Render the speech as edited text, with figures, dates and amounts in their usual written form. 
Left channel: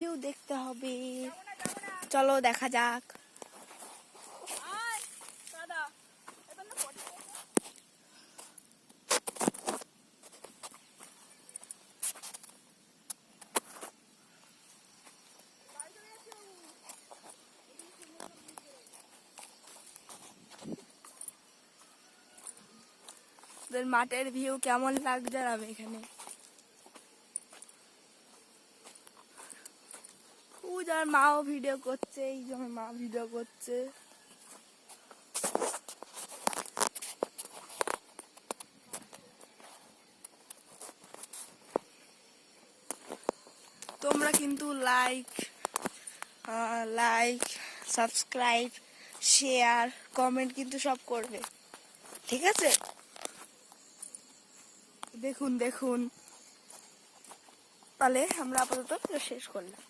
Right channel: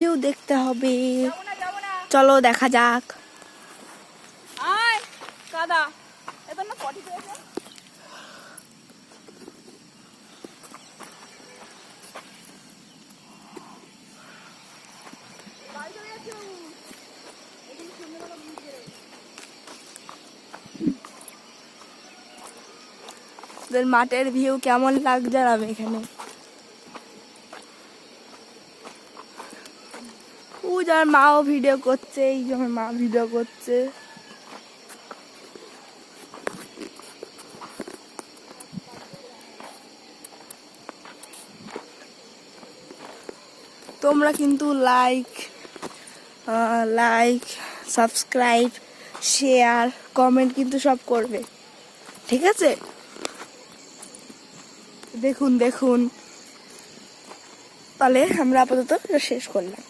View দেখতে হবে, চলো দেখা যাক। মাঠের ভিউ কেমন লাগছে জানাবে এখানে। ও যার মাও ভিডিও করছে, এই যে আমার মা ভিডিও করছে। তোমরা কিন্তু লাইক সাবস্ক্রাইব, শেয়ার, কমেন্ট কিন্তু সব করবে, ঠিক আছে? দেখুন, তাহলে আমরা আপাতত শেষ করলাম।